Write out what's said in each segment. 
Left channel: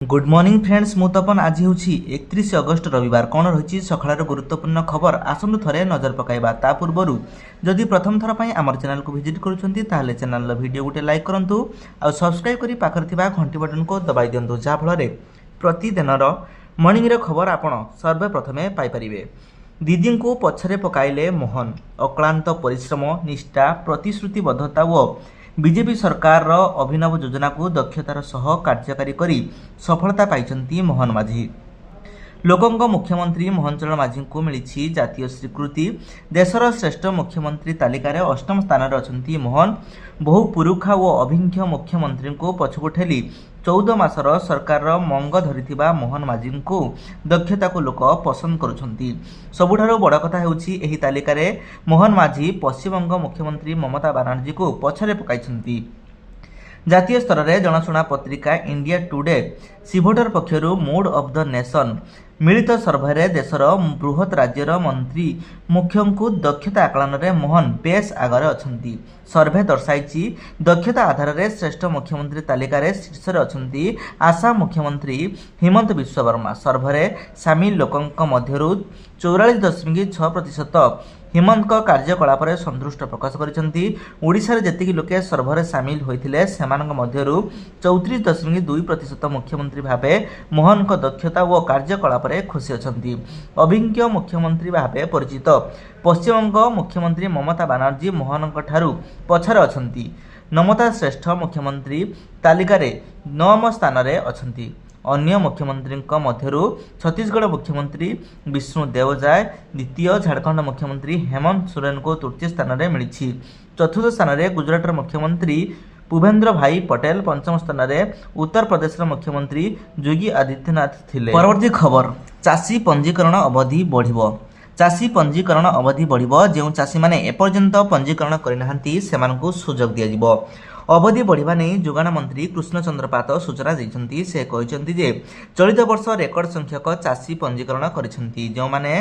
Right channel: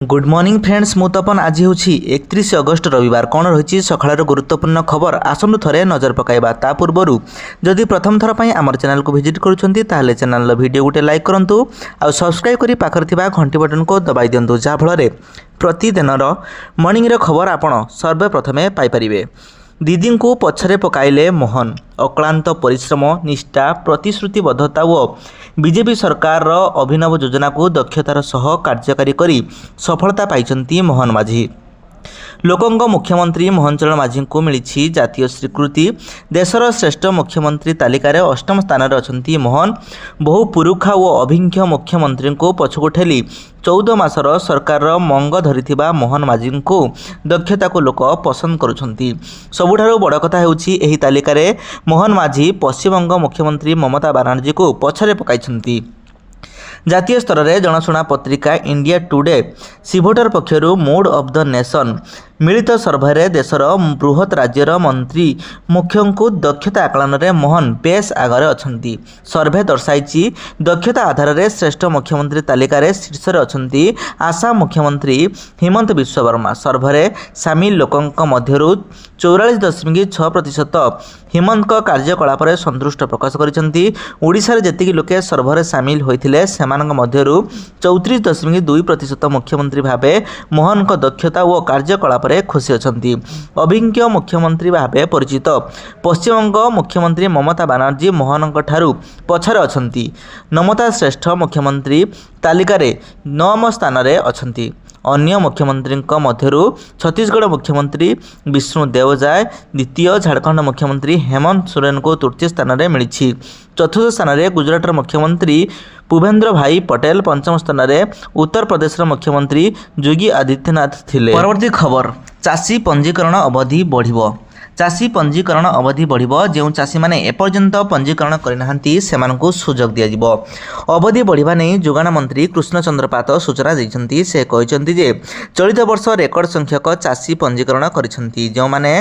Good morning friends मु तपन आज हूँ 31 अगस्त रविवार कौन रही सकाळ गुरुत्वपूर्ण खबर आसतु थरे नजर पकाइबा ता पूर्व जदि प्रथम थर पर आम चैनल को विजिट करुँच चैनल वीडियो गोटे लाइक करूँ आ सब्सक्राइब कर पाखर घंटी बटन को दबाई दिंतु जहाँफल प्रतिदिन मॉर्निंग खबर आपण सर्वप्रथमे पाइपर। दीदी को पछरे पकाइले मोहन अक्लांत परिश्रम निष्ठा प्रतिश्रुतिबद्धता और बीजेपी सरकार अभिनव योजना को दक्षतार सह कार्यकारी करी सफलता पाइछंती मोहन माझी। लोकंग मुख्यमंत्री मोहन चरण माझी को मिली जातीय स्वीकृति। देशर श्रेष्ठ मुख्यमंत्री तालिकार अष्टम स्थान अछंती मोहन। बहु पुरुखा और अभिज्ञ मुख्यमंत्री को पछकु ठेली 14 मासर सरकार मंग धरिथिबा मोहन माझी को दक्षता को लोक पसंद करुछंती। सबुठारु बड़ कथा हेउछि एही तालिकार मोहन माझी पश्चिमबंग मुख्यमंत्री ममता बनर्जी को पछरे पकाइछंती। जातीय स्तर में जनाशुना पत्रिका इंडिया टुडे सिभोटर पक्षरु मूड ऑफ द नेशन मिलित सर्भे देशर बृहत राज्यर मंत्री मुख्यों को दक्षता आकलन में मोहन बेस आगे अछंती। सर्भे दर्शाई दक्षता आधार में श्रेष्ठ मुख्यमंत्री तालिकार शीर्ष अछंती आसाम मुख्यमंत्री हिमंत विश्व वर्मा। सर्भे सामिल लोकों मध्यरु 44.6% हिमंत कार्यकलाप संतुष्ट प्रकाश करिसेंती। ओडिशा रे जेतिकी लोके सर्भे सामिल होइथिले सेमानक मध्यरु 34.2% मुख्यमंत्री भावे मोहन को दक्षता और कार्यकलाप खुशी अछंती। अभिज्ञ मुख्यमंत्री भावे परिचित पश्चिमबंग मुख्यमंत्री ममता बनर्जी मोहन ठारू पछरे अछंती। नमता श्रेष्ठ मुख्यमंत्री तालिकार 9 स्थान रे अछंती। अन्य मुख्यमंत्री मध्यरु छत्तीसगढ़ मुख्यमंत्री विष्णु देवजाय द्वितीय, झारखंड मुख्यमंत्री हेमंत सोरेन को तृतीय स्थान में मिली। चतुर्थ स्थान में गुजरात मुख्यमंत्री भूपेंद्र भाई पटेल, पंचम स्थान में उत्तर प्रदेश मुख्यमंत्री योगी आदित्यनाथ थिले। परवर्ती खबर चाषी पंजीकरण अवधि बढ़िबो। चाषी पंजीकरण अवधि बढ़िबो। जो चाषी माने एपर्यंत पंजीकरण करनाहांती सेमानकु सुजोग दिया जिवो। अवधि बढ़िबा नै जोगाण मंत्री कृष्णचंद्र पात सूचना दैछंती। से कहिसंती जे चलित वर्ष रेकर्ड संख्यक चाषी पंजीकरण करिसंती। जो माने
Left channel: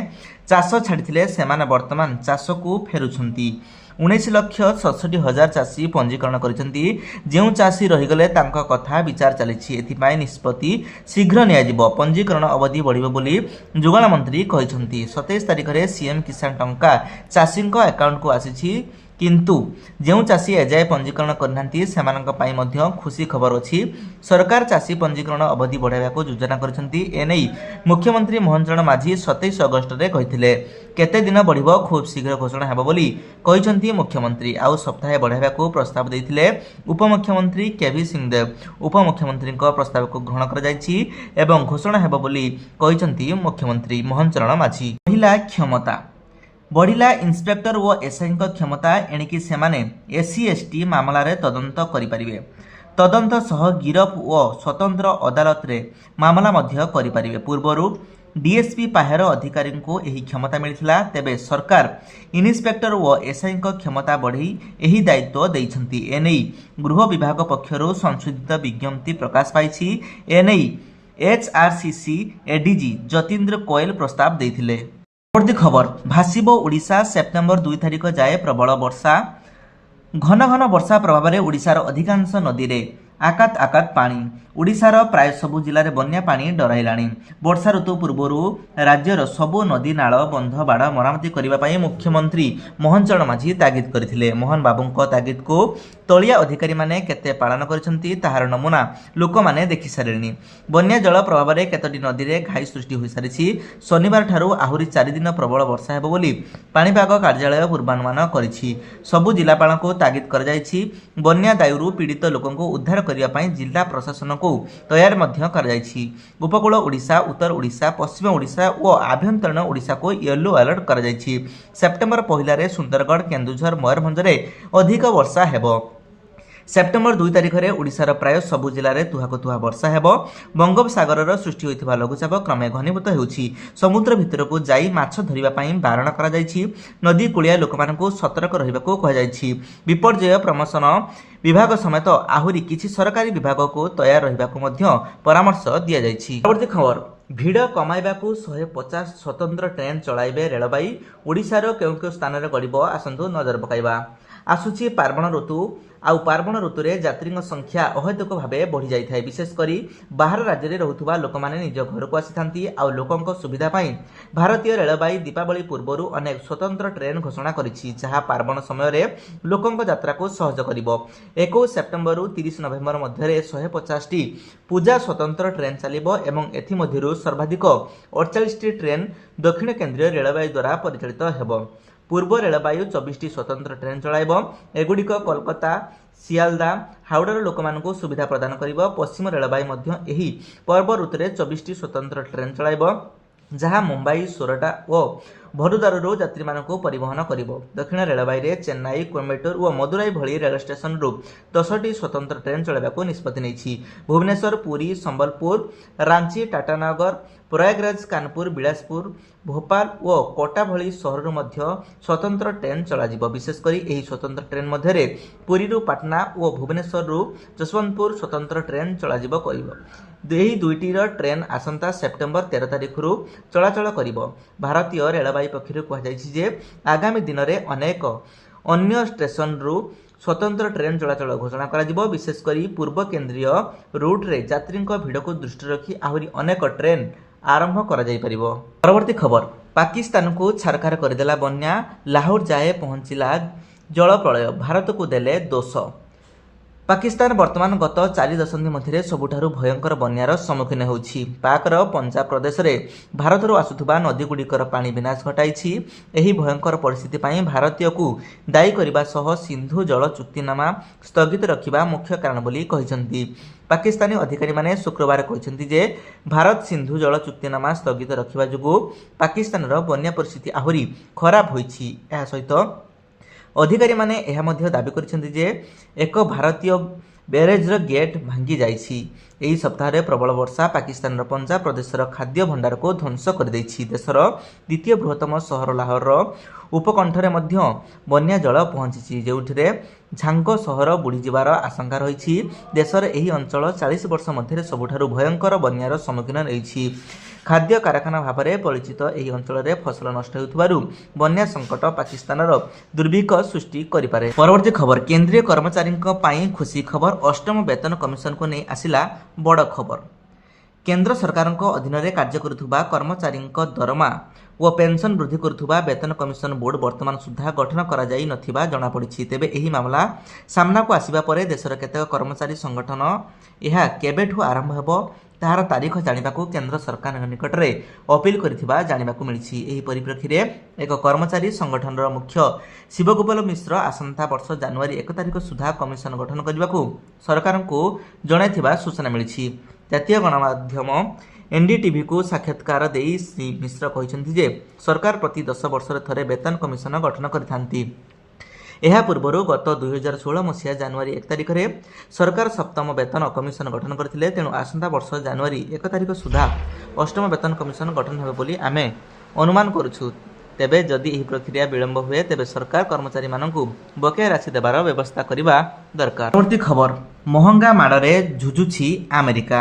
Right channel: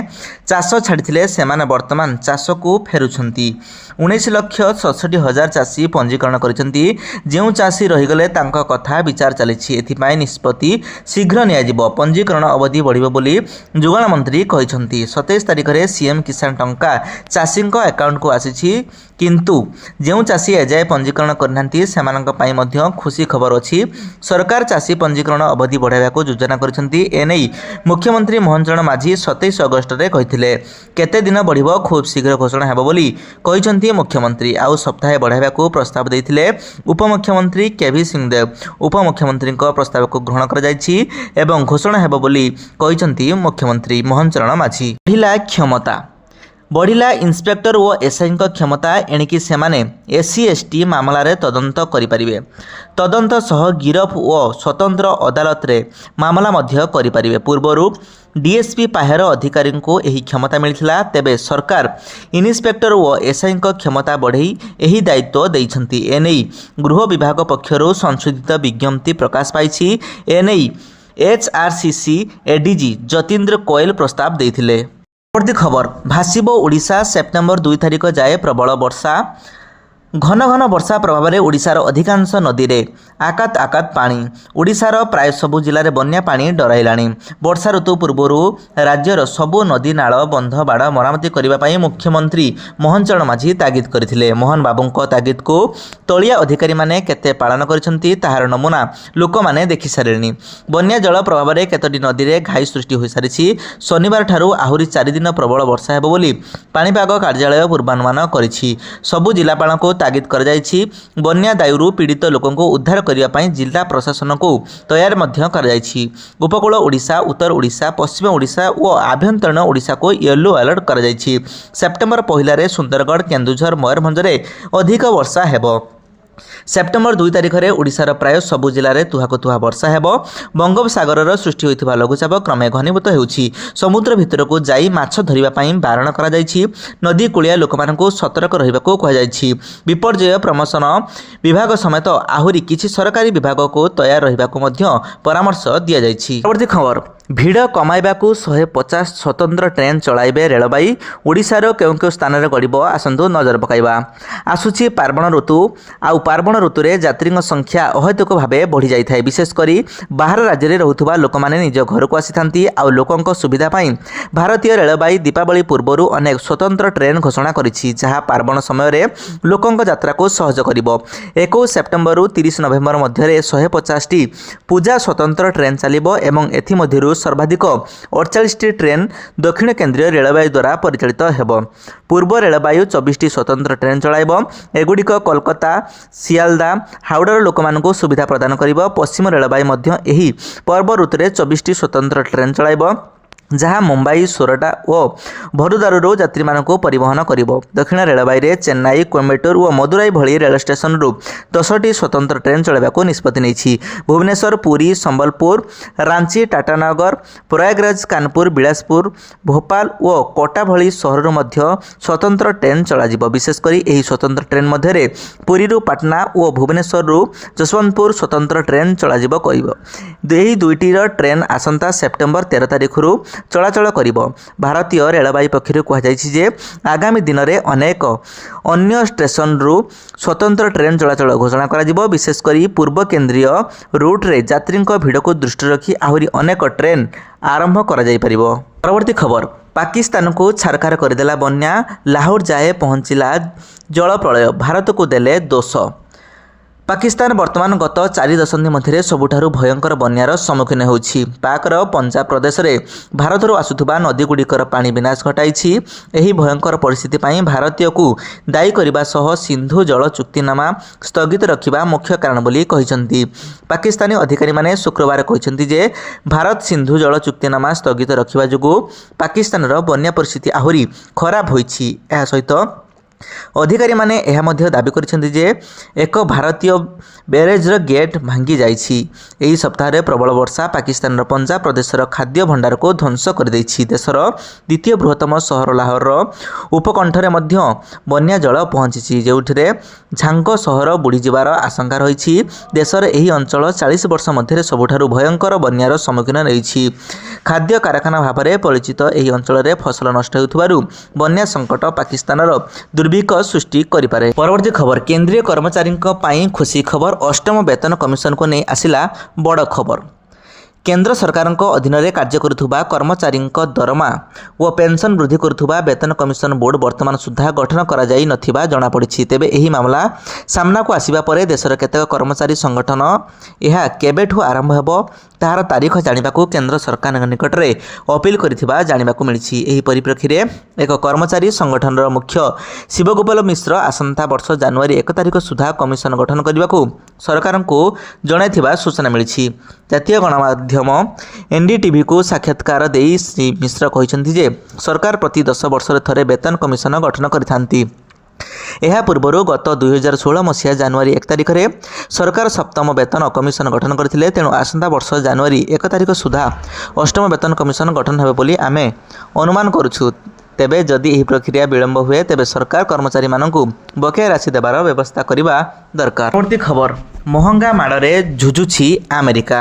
चाष छाडिथिले सेमाने वर्तमान चाष को फेरुछंती। 19,67,000 चाषी पंजीकरण करिसंती। जो चाषी रहिगले तांका कथा विचार चलिछि। एथिपाई निष्पत्ति शीघ्र निया जिवो। पंजीकरण अवधि बढ़िबो बोली जोगाण मंत्री कहिसंती। 27 तारिख रे सीएम किसान टंका चाषी अकाउंट को आसी किंतु जो चाषी एजाए पंजीकरण करनांती सेमानंक पई मध्य खुशी खबर अछि। सरकार चाषी पंजीकरण अवधि बढ़ाइबा को योजना करिसंती। एनै मुख्यमंत्री मोहन चरण माझी 27 अगस्त रे कहिथिले केते दिन बढ़िबो खूब शीघ्र घोषणा हेबो बोली कहिसंती मुख्यमंत्री। आउ सप्ताहे बढ़ाइबा को प्रस्ताव दैथिले उपमुख्यमंत्री केवी सिंहदेव। उपमुख्यमंत्री प्रस्ताव को ग्रहण कर जायछि एवं घोषणा हेबो बोली कहिसंती मुख्यमंत्री मोहन चरण माझी। महिला क्षमता बढ़िला। इंस्पेक्टर और एसआई क्षमता एणिकी सेमाने एससी एसटी मामला रे तदंत करिपारिबे। तदंत सह गिरफ और स्वतंत्र अदालत रे मामला मध्य करिपारिबे। पूर्वरु डीएसपी पाहेर अधिकारी को यही क्षमता मिलथिला। तेबे सरकार इन्स्पेक्टर और एसआई क्षमता बढ़ई यही दायित्व दैछंती। एनै गृह विभाग पक्षरु संशोधित विज्ञप्ति प्रकाश पाइछि। एनै एचआरसीसी एडीजी जतीन्द्र कोयल प्रस्ताव देथिले। परवर्ती खबर भासिबो ओडिशा। सेप्टेम्बर 2 तारिख जाए प्रबल वर्षा। घन घन वर्षा प्रभाव में ओडिशार अधिकांश नदी रे आकात आकात पानी। ओडिशार प्राय सबु जिले में बन्या पानी डराइलाणी। वर्षा ऋतु पूर्व राज्यर सबु नदी नाल बंध बाड़ मरामती करने मुख्यमंत्री मोहन चरण माझी तागिद करथिले। मोहन बाबूंको तागिद को तलिया अधिकारी माने केते पालन करिसंती ताहार नमूना लोक माने देखि सारेनी। बन्या जल प्रभाव में केतोटी नदी रे घाई सृष्टि होई सारिछि। शनिवार ठारू आहुरी 4 दिन प्रबल वर्षा हेबो बोली पाणीपाग कार्यालय पूर्वानुमान करिछि। सबु जिलापाल को तागिद कर जायछि। बन्या दायुरु पीड़ित लोकों को उद्धार करने ପାଇଁ जिला प्रशासन को तैयार मध्य कर जायछि। उपकूल ओडिशा, उत्तर ओडिशा, पश्चिम ओडिशा और आभ्यंतरीण ओडिशा को येलो अलर्ट कर जायछि। सेप्टेम्बर 1 रे सुंदरगढ़, केन्दुझर, मयूरभंज रे अधिक वर्षा हेबो। सेप्टेम्बर 2 तारिख में ओडिशार प्राय सबु जिले में तुहाको तुहा वर्षा हेबो। बंगोपसागर सृष्टि होइथिबा लघुचाप क्रमे घनीभूत हेउछि। समुद्र भितर को जाई माछ धरिबा पई बारण करा जायछि। नदी कूलिया लोकमानंकु सतर्क रहिबाकू कहा जायछि। विपर्यय प्रमोशन विभाग समेत आहुरी किछि सरकारी विभाग को तैयार रहिबाकू मध्य परामर्श दिया जायछि। परवर्ती खबर ଭିଡ଼ କମାଇବାକୁ 150 ସ୍ୱତନ୍ତ୍ର ଟ୍ରେନ୍ ଚଳାଇବେ ରେଳବାଇ। ଓଡ଼ିଶାର କେଉଁ କେଉଁ ସ୍ଥାନରେ ଗଡ଼ିବ ଆସନ୍ତୁ ନଜର ପକାଇବା। ଆସୁଛି ପାର୍ବଣ ଋତୁ। ଆଉ ପାର୍ବଣ ଋତୁରେ ଯାତ୍ରୀଙ୍କ ସଂଖ୍ୟା ଅହେତୁକ ଭାବେ ବଢ଼ିଯାଇଥାଏ। ବିଶେଷ କରି ବାହାର ରାଜ୍ୟରେ ରହୁଥିବା ଲୋକମାନେ ନିଜ ଘରକୁ ଆସିଥାନ୍ତି। ଆଉ ଲୋକଙ୍କ ସୁବିଧା ପାଇଁ ଭାରତୀୟ ରେଳବାଇ ଦୀପାବଳି ପୂର୍ବରୁ ଅନେକ ସ୍ୱତନ୍ତ୍ର ଟ୍ରେନ୍ ଘୋଷଣା କରିଛି, ଯାହା ପାର୍ବଣ ସମୟରେ ଲୋକଙ୍କ ଯାତ୍ରାକୁ ସହଜ କରିବ। 21 ସେପ୍ଟେମ୍ବରରୁ 30 ନଭେମ୍ବର ମଧ୍ୟରେ 150ଟି ପୂଜା ସ୍ୱତନ୍ତ୍ର ଟ୍ରେନ୍ ଚାଲିବ ଏବଂ ଏଥିମଧ୍ୟରୁ ସର୍ବାଧିକ 48ଟି ଟ୍ରେନ୍ ଦକ୍ଷିଣ କେନ୍ଦ୍ରୀୟ ରେଳବାଇ ଦ୍ୱାରା ପରିଚାଳିତ ହେବ। ପୂର୍ବ ରେଳବାଇ 24ଟି ସ୍ୱତନ୍ତ୍ର ଟ୍ରେନ୍ ଚଳାଇବ। ଏଗୁଡ଼ିକ କୋଲକାତା, ସିଆଲଦା, ହାଓଡ଼ାର ଲୋକମାନଙ୍କୁ ସୁବିଧା ପ୍ରଦାନ କରିବ। ପଶ୍ଚିମ ରେଳବାଇ ମଧ୍ୟ ଏହି ପର୍ବ ଋତୁରେ 24ଟି ସ୍ୱତନ୍ତ୍ର ଟ୍ରେନ୍ ଚଳାଇବ, ଯାହା ମୁମ୍ବାଇ, ସୋରଟା ଓ ଭଦୋଦରାରୁ ଯାତ୍ରୀମାନଙ୍କୁ ପରିବହନ କରିବ। ଦକ୍ଷିଣ ରେଳବାଇରେ ଚେନ୍ନାଇ, କୋଏମ୍ବାଟୁର ଓ ମଦୁରାଇ ଭଳି ରେଳ ଷ୍ଟେସନରୁ 10ଟି ସ୍ୱତନ୍ତ୍ର ଟ୍ରେନ୍ ଚଳାଇବାକୁ ନିଷ୍ପତ୍ତି ନେଇଛି। ଭୁବନେଶ୍ୱର, ପୁରୀ, ସମ୍ବଲପୁର, ରାଞ୍ଚି, ଟାଟାନଗର, ପ୍ରୟାଗରାଜ, କାନପୁର, ବିଳାସପୁର, ଭୋପାଳ ଓ କୋଟା ଭଳି ସହରରୁ ମଧ୍ୟ ସ୍ୱତନ୍ତ୍ର ଟ୍ରେନ୍ ଚଳାଯିବ। ବିଶେଷ କରି ଏହି ସ୍ୱତନ୍ତ୍ର ଟ୍ରେନ୍ ମଧ୍ୟରେ ପୁରୀରୁ ପାଟନା ଓ ଭୁବନେଶ୍ୱରରୁ ଯଶବନ୍ତପୁର ସ୍ୱତନ୍ତ୍ର ଟ୍ରେନ୍ ଚଳାଯିବ କରିବ। ଏହି ଦୁଇଟିର ଟ୍ରେନ୍ ଆସନ୍ତା ସେପ୍ଟେମ୍ବର 13 ତାରିଖରୁ ଚଳାଚଳ କରିବ। ଭାରତୀୟ ରେଳବାଇ ପକ୍ଷରୁ କୁହାଯାଇଛି ଯେ ଆଗାମୀ ଦିନରେ ଅନେକ ଅନ୍ୟ ଷ୍ଟେସନରୁ ସ୍ୱତନ୍ତ୍ର ଟ୍ରେନ୍ ଚଳାଚଳ ଘୋଷଣା କରାଯିବ। ବିଶେଷ କରି ପୂର୍ବ କେନ୍ଦ୍ରୀୟ ରୁଟ୍ରେ ଯାତ୍ରୀଙ୍କ ଭିଡ଼କୁ ଦୃଷ୍ଟିରେ ରଖି ଆହୁରି ଅନେକ ଟ୍ରେନ୍ ଆରମ୍ଭ କରାଯାଇପାରିବ। ପରବର୍ତ୍ତୀ ଖବର, ପାକିସ୍ତାନକୁ ଛାରଖାର କରିଦେଲା ବନ୍ୟା। ଲାହୋର ଯାଏ ପହଞ୍ଚିଲା ଜଳ ପ୍ରଳୟ, ଭାରତକୁ ଦେଲେ ଦୋଷ। ପାକିସ୍ତାନ ବର୍ତ୍ତମାନ ଗତ 4 ଦଶନ୍ଧି ମଧ୍ୟରେ ସବୁଠାରୁ ଭୟଙ୍କର ବନ୍ୟାର ସମ୍ମୁଖୀନ ହେଉଛି। ପାକର ପଞ୍ଜାବ ପ୍ରଦେଶରେ ଭାରତରୁ ଆସୁଥିବା ନଦୀଗୁଡ଼ିକର ପାଣି ବିନାଶ ଘଟାଇଛି। ଏହି ଭୟଙ୍କର ପରିସ୍ଥିତି ପାଇଁ ଭାରତୀୟକୁ ଦାୟୀ କରିବା ସହ ସିନ୍ଧୁ ଜଳ ଚୁକ୍ତିନାମା ସ୍ଥଗିତ ରଖିବା ମୁଖ୍ୟ କାରଣ ବୋଲି କହିଛନ୍ତି। ପାକିସ୍ତାନୀ ଅଧିକାରୀମାନେ ଶୁକ୍ରବାର କହିଛନ୍ତି ଯେ ଭାରତ ସିନ୍ଧୁ ଜଳ ଚୁକ୍ତିନାମା ସ୍ଥଗିତ ରଖିବା ଯୋଗୁଁ ପାକିସ୍ତାନର ବନ୍ୟା ପରିସ୍ଥିତି ଆହୁରି ଖରାପ ହୋଇଛି। ଏହା ସହିତ ଅଧିକାରୀମାନେ ଏହା ମଧ୍ୟ ଦାବି କରିଛନ୍ତି ଯେ ଏକ ଭାରତୀୟ ବ୍ୟାରେଜ୍ର ଗେଟ୍ ଭାଙ୍ଗି ଯାଇଛି। ଏହି ସପ୍ତାହରେ ପ୍ରବଳ ବର୍ଷା ପାକିସ୍ତାନର ପଞ୍ଜାବ ପ୍ରଦେଶର ଖାଦ୍ୟ ଭଣ୍ଡାରକୁ ଧ୍ୱଂସ କରିଦେଇଛି। ଦେଶର ଦ୍ୱିତୀୟ ବୃହତ୍ତମ ସହର ଲାହୋରର ଉପକଣ୍ଠରେ ମଧ୍ୟ ବନ୍ୟା ଜଳ ପହଞ୍ଚିଛି, ଯେଉଁଥିରେ ଝାଙ୍ଗ ସହର ବୁଡ଼ିଯିବାର ଆଶଙ୍କା ରହିଛି। ଦେଶର ଏହି ଅଞ୍ଚଳ 40 ବର୍ଷ ମଧ୍ୟରେ ସବୁଠାରୁ ଭୟଙ୍କର ବନ୍ୟାର ସମ୍ମୁଖୀନ ରହିଛି। ଖାଦ୍ୟ କାରଖାନା ଭାବରେ ପରିଚିତ ଏହି ଅଞ୍ଚଳରେ ଫସଲ ନଷ୍ଟ ହେଉଥିବାରୁ ବନ୍ୟା ସଂକଟ ପାକିସ୍ତାନର ଦୁର୍ଭିକ୍ଷ ସୃଷ୍ଟି କରିପାରେ। ପରବର୍ତ୍ତୀ ଖବର, କେନ୍ଦ୍ରୀୟ କର୍ମଚାରୀଙ୍କ ପାଇଁ ଖୁସି ଖବର। ଅଷ୍ଟମ ବେତନ କମିଶନକୁ ନେଇ ଆସିଲା ବଡ଼ ଖବର। କେନ୍ଦ୍ର ସରକାରଙ୍କ ଅଧୀନରେ କାର୍ଯ୍ୟ କରୁଥିବା କର୍ମଚାରୀଙ୍କ ଦରମା ଓ ପେନ୍ସନ୍ ବୃଦ୍ଧି କରୁଥିବା ବେତନ କମିଶନ ବୋର୍ଡ ବର୍ତ୍ତମାନ ସୁଦ୍ଧା ଗଠନ କରାଯାଇ ନଥିବା ଜଣାପଡ଼ିଛି। ତେବେ ଏହି ମାମଲା ସାମ୍ନାକୁ ଆସିବା ପରେ ଦେଶର କେତେକ କର୍ମଚାରୀ ସଂଗଠନ ଏହା କେବେଠୁ ଆରମ୍ଭ ହେବ ତାହାର ତାରିଖ ଜାଣିବାକୁ କେନ୍ଦ୍ର ସରକାରଙ୍କ ନିକଟରେ ଅପିଲ କରିଥିବା ଜାଣିବାକୁ ମିଳିଛି। ଏହି ପରିପ୍ରେକ୍ଷୀରେ ଏକ କର୍ମଚାରୀ ସଂଗଠନର ମୁଖ୍ୟ ଶିବଗୋପାଳ ମିଶ୍ର ଆସନ୍ତା ବର୍ଷ ଜାନୁଆରୀ 1 ତାରିଖ ସୁଦ୍ଧା କମିଶନ ଗଠନ କରିବାକୁ ସରକାରଙ୍କୁ ଜଣାଇଥିବା ସୂଚନା ମିଳିଛି। ଜାତୀୟ ଗଣମାଧ୍ୟମ NDTVକୁ ସାକ୍ଷାତକାର ଦେଇ ଶ୍ରୀ ମିଶ୍ର କହିଛନ୍ତି ଯେ ସରକାର ପ୍ରତି 10 ବର୍ଷରେ ଥରେ ବେତନ କମିଶନ ଗଠନ କରିଥାନ୍ତି। ଏହା ପୂର୍ବରୁ ଗତ 2016 ମସିହା ଜାନୁଆରୀ 1 ତାରିଖରେ ସରକାର ସପ୍ତମ ବେତନ କମିଶନ ଗଠନ କରିଥିଲେ। ତେଣୁ ଆସନ୍ତା ବର୍ଷ ଜାନୁଆରୀ 1 ତାରିଖ ସୁଦ୍ଧା ଅଷ୍ଟମ ବେତନ କମିଶନ ଗଠନ ହେବ ବୋଲି ଆମେ ଅନୁମାନ କରୁଛୁ। ତେବେ ଯଦି ଏହି ପ୍ରକ୍ରିୟା ବିଳମ୍ବ ହୁଏ ତେବେ ସରକାର କର୍ମଚାରୀମାନଙ୍କୁ ବକେୟା ରାଶି ଦେବାର ବ୍ୟବସ୍ଥା କରିବା ଦରକାର। ପରବର୍ତ୍ତୀ ଖବର, ମହଙ୍ଗା ମାଡ଼ରେ ଝୁଝୁଛି ଆମେରିକା।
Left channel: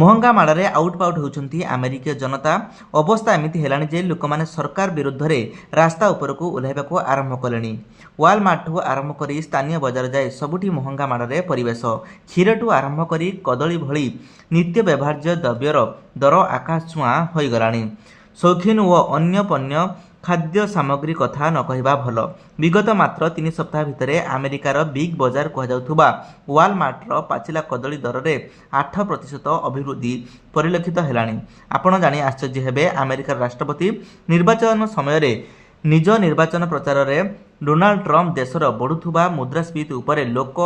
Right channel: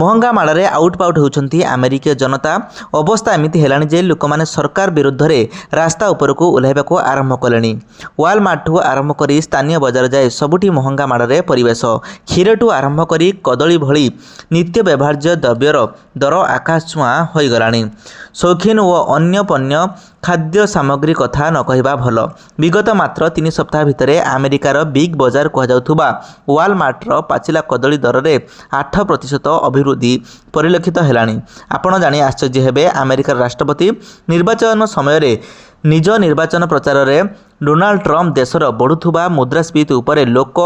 ମହଙ୍ଗା ମାଡ଼ରେ ଆଉଟପାଉଟ ହେଉଛନ୍ତି ଆମେରିକୀୟ ଜନତା। ଅବସ୍ଥା ଏମିତି ହେଲାଣି ଯେ ଲୋକମାନେ ସରକାର ବିରୁଦ୍ଧରେ ରାସ୍ତା ଉପରକୁ ଓହ୍ଲାଇବାକୁ ଆରମ୍ଭ କଲେଣି। ୱାଲମାର୍ଟଠୁ ଆରମ୍ଭ କରି ସ୍ଥାନୀୟ ବଜାର ଯାଏ ସବୁଠି ମହଙ୍ଗା ମାଡ଼ରେ ପରିବେଶ। କ୍ଷୀରଠୁ ଆରମ୍ଭ କରି କଦଳୀ ଭଳି ନିତ୍ୟ ବ୍ୟବହାର୍ଯ୍ୟ ଦ୍ରବ୍ୟର ଦର ଆକାଶ ଛୁଆଁ ହୋଇଗଲାଣି। ସୌଖିନ ଓ ଅନ୍ୟ ପଣ୍ୟ ଖାଦ୍ୟ ସାମଗ୍ରୀ କଥା ନ କହିବା ଭଲ। ବିଗତ ମାତ୍ର 3 ସପ୍ତାହ ଭିତରେ ଆମେରିକାର ବିଗ୍ ବଜାର କୁହାଯାଉଥିବା ୱାଲମାର୍ଟର ପାଚିଲା କଦଳୀ ଦରରେ 8% ଅଭିବୃଦ୍ଧି ପରିଲକ୍ଷିତ ହେଲାଣି। ଆପଣ ଜାଣି ଆଶ୍ଚର୍ଯ୍ୟ ହେବେ, ଆମେରିକାର ରାଷ୍ଟ୍ରପତି ନିର୍ବାଚନ ସମୟରେ ନିଜ ନିର୍ବାଚନ ପ୍ରଚାରରେ ଡୋନାଲ୍ଡ ଟ୍ରମ୍ପ ଦେଶର ବଢ଼ୁଥିବା ମୁଦ୍ରାସ୍ଫୀତି ଉପରେ ଲୋକ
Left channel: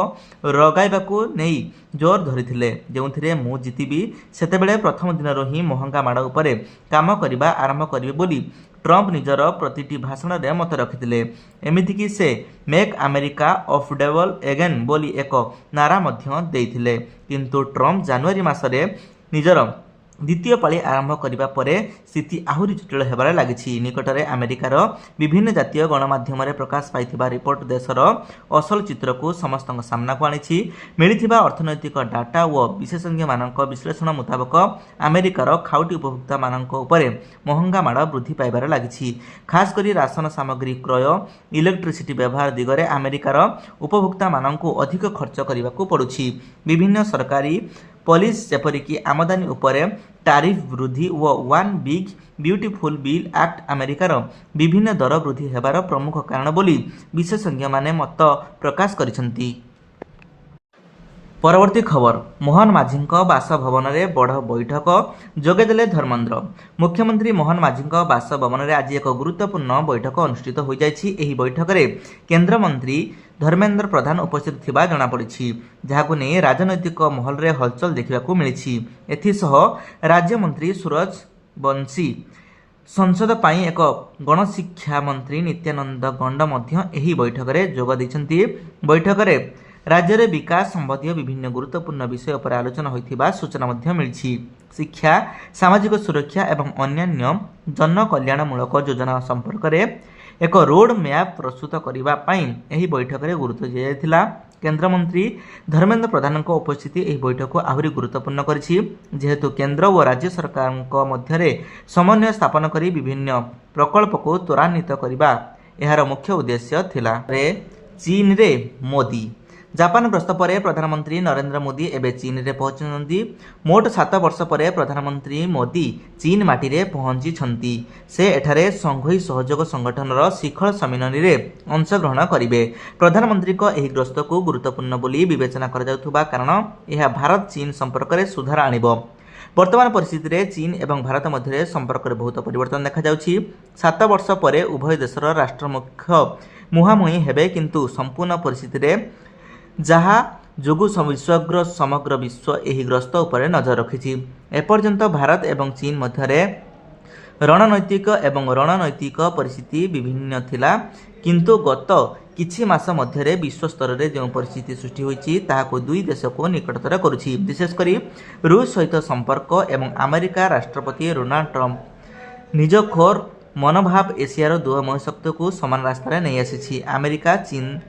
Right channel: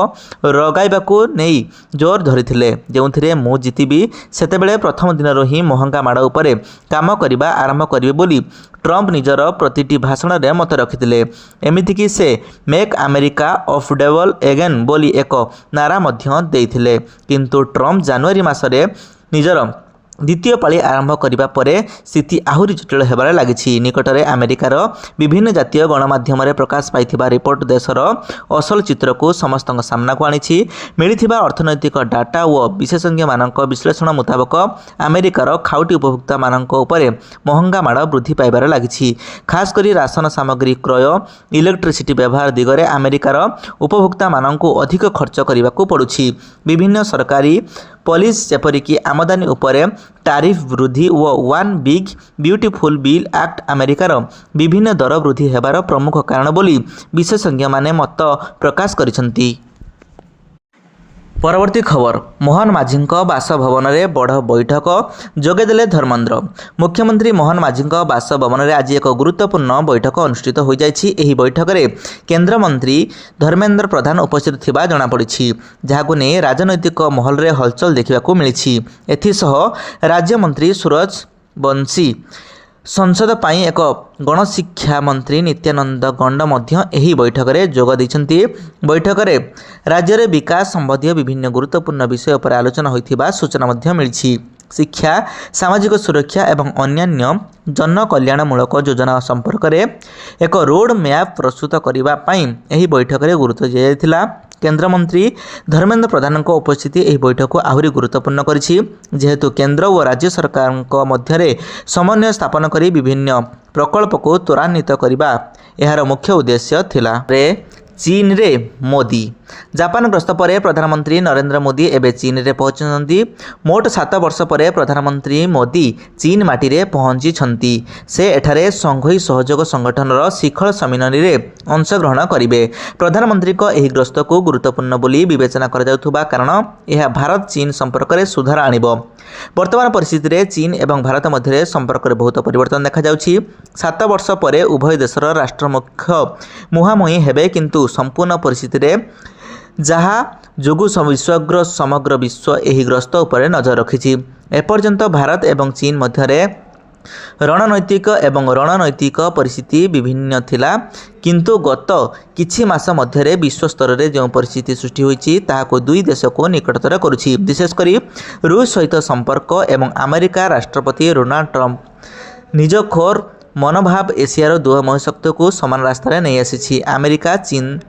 ଲଗାଇବାକୁ ନେଇ ଜୋର ଧରିଥିଲେ, ଯେଉଁଥିରେ ମୁଁ ଜିତିବି ସେତେବେଳେ ପ୍ରଥମ ଦିନରୁ ହିଁ ମହଙ୍ଗା ମାଡ଼ ଉପରେ କାମ କରିବା ଆରମ୍ଭ କରିବେ ବୋଲି ଟ୍ରମ୍ପ ନିଜର ପ୍ରତିଟି ଭାଷଣରେ ମତ ରଖିଥିଲେ। ଏମିତିକି ସେ ମେକ୍ ଆମେରିକା ଅଫୋର୍ଡେବଲ୍ ଏଗେନ୍ ବୋଲି ଏକ ନାରା ମଧ୍ୟ ଦେଇଥିଲେ। କିନ୍ତୁ ଟ୍ରମ୍ପ ଜାନୁଆରୀ ମାସରେ ନିଜର द्वितीय पाଳି आरंभ करने पर स्थिति आहुरी जटिल होबार लगी। निकटरे अमेरिकार विभिन्न जातीय गणमाध्यम प्रकाश पाई रिपोर्ट देशर असल चित्र को समस्त सामना को आनी। मिली अर्थनैतिक डाटा और विशेषज्ञ मानक विश्लेषण मुताबक अमेरिकार खाउटी उपभोक्ता मानक उपरे महंगा माड़ वृद्धि पाइबार लगी। खासकर राशन सामग्री क्रय इलेक्ट्रिसिटी व्यवहार दिगरे अमेरिकार उपभोक्ता मानक अधिक खर्च करने को पड़ुछि। विभिन्न सरकारी पॉलिसी जेपरिक आमदानी उपरे टैरिफ वृद्धि व one big beautiful bill act अमेरिकार विभिन्न दर वृद्धि हेबार प्रमुख कारण बोली विशेषज्ञ माने मत प्रकाश करिसंती। परवर्ती खबर मोहन माझी बासभवन में बड़ बैठक जोगेदेले धर्मेन्द्र। मुख्यमंत्री मोहन माझी बासभवन में आज एक गुरुत्वपूर्ण बैठक अनुष्ठित हो जाइछि। एही बैठक में केन्द्रमंत्री धर्मेन्द्र प्रधान उपस्थित थिबा जଣାपड़ी, जहां नहीं राजनैतिक महल में हलचल देखा मिली। एथिसह राज्यमंत्री सूरज बंशी संसद पाई एक गणशिक्षा मंत्री नित्यानंद गंड मध्य एही बैठक में जोग दैछन्ति। बैठक में राज्य में विकास संबंधी विभिन्न गुरुत्वपूर्ण विषय पर आलोचना होइथिबा सूचना मध्य मिली। शिक्षा, सामाजिक सुरक्षा एवं अन्यान्य जन कल्याणमूलक योजना संपर्क में एक रोड मैप प्रस्तुत करने पाई एही बैठक में गुरुत्व दिया। केन्द्रमंत्री धर्मेन्द्र प्रधान उपस्थिति एही बैठक को आहरी गुरुत्वपूर्ण करिछि, जेहेतु केंद्र और राज्य सरकार मध्य समन्वय स्थापन करी विभिन्न प्रकल्प को त्वरान्वित करने यार मुख्य उद्देश्य थिला। चीन रे मोदी जापान गस्त पर प्रधानमंत्री नरेंद्र मोदी एवं चीन रे पहुंचती। मोट 7 वर्ष पर प्रधानमंत्री मोदी चीन माटी रे पहुंची। से एठारे संघई सहयोग संगठन शिखर सम्मेलन में अंशग्रहण करेंगे। प्रधानमंत्री को यह गस्त को गुरुत्वपूर्ण बोली विवेचना कर जाउथुबा कारण यह भारत चीन संपर्क में सुधार आनिबो। वर्तमान परिस्थिति रे चीन एवं भारत मध्य संपर्क में बहुत परिवर्तन देखा जाउछि। 7 वर्ष पर उभय देशर राष्ट्रमुख्य मुहांमुही हेबे, किंतु संपूर्ण परिस्थिति रे जहाँ जोगु विश्वग्र समग्र विश्व यही ग्रस्त उपर नजर रखिछि। एपर्यंत भारत एवं चीन मध्य रणनैतिक एवं रणनैतिक परिस्थिति विभिन्न थिला, किंतु गत किछि मास मध्य विश्व स्तर में जो परिस्थिति सृष्टि होइछि ताहाको दुई देश को निकटतर करुछि। विशेषकर रूस सहित संपर्क एवं अमेरिका राष्ट्रपति डोनाल्ड ट्रंप निजखोर मनोभाव एशियार दुह महाशक्ति को समान रास्तार नहीं आसी। अमेरिका चीन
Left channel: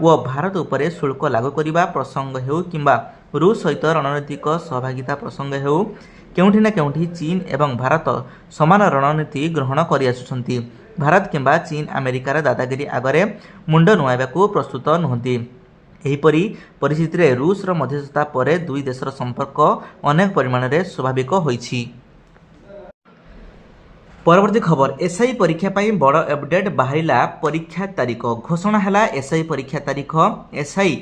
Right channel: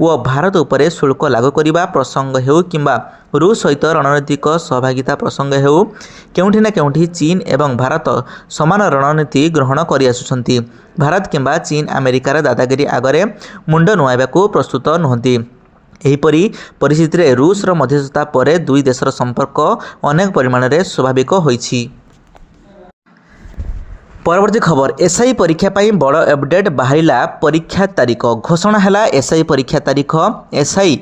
व भारत उपरे शुल्क लागू करने प्रसंग हेउ किंबा रूस सहित रणनीतिक सहभागिता प्रसंग हेउ, केउठी ना केउठी चीन एवं भारत समान रणनीति ग्रहण करि आसुछन्ति। भारत किंबा चीन अमेरिकार दादागिरी आगरे मुंड नुआइबाकू प्रस्तुत नुहंती। एहीपरि परिस्थिति रे रूसर मध्यस्थता पर दुई देशर संपर्क अनेक परिमाण में स्वाभाविक होइछि। परवर्ती खबर एसआई परीक्षा पाई बड़ अपडेट बाहरिला। परीक्षा तारीख घोषणा हैला। एसआई परीक्षा तारीख एसआई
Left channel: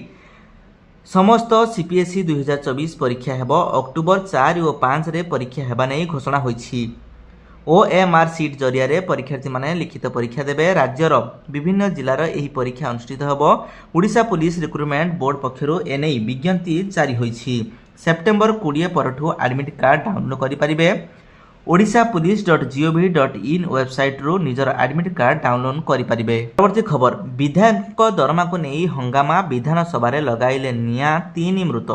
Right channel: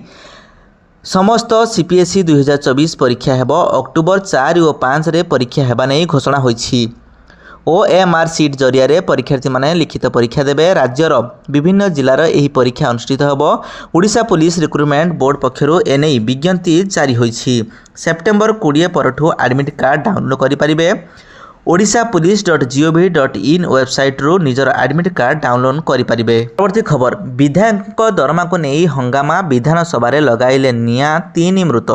समस्त सीपीएसई 2024 परीक्षा हेब अक्टोबर 4 और 5 रे परीक्षा हेबा नहीं घोषणा होइछि। ओएमआर सीट जरिया रे परीक्षार्थी माने लिखित परीक्षा देबे। राज्यर विभिन्न जिलार एही परीक्षा अनुष्ठित हेब। ओडिशा पुलिस रिक्रुटमेंट बोर्ड पक्षरु एनै विज्ञप्ति जारी होइछि। सेप्टेम्बर 20 परठू एडमिट कार्ड डाउनलोड करि परिबे। odishapolice.gov.in वेबसाइट रू निजर एडमिट कार्ड डाउनलोड करि परिबे। परवर्ती खबर विधायक दरमा को नहीं हंगामा। विधानसभा लगाइले निया 3 मृत।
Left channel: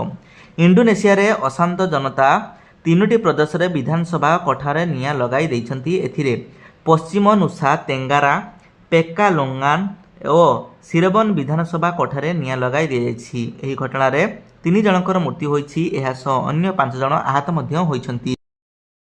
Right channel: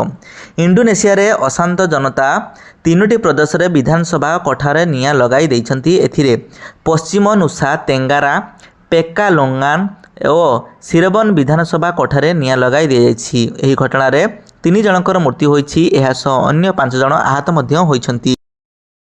इंडोनेशिया रे अशांत जनता 3टी प्रदेश रे विधानसभा कोठारे निया लगाई दैछन्ति। एथिरे पश्चिम नुसा, तेंगारा, पेक्कालोंगान और सिरबन विधानसभा कोठारे निया लगाई दिया। एही घटना रे 3 जनकर मृत्यु होइछि। एहा सह अन्य 5 जन आहत मध्य होइछन्ति।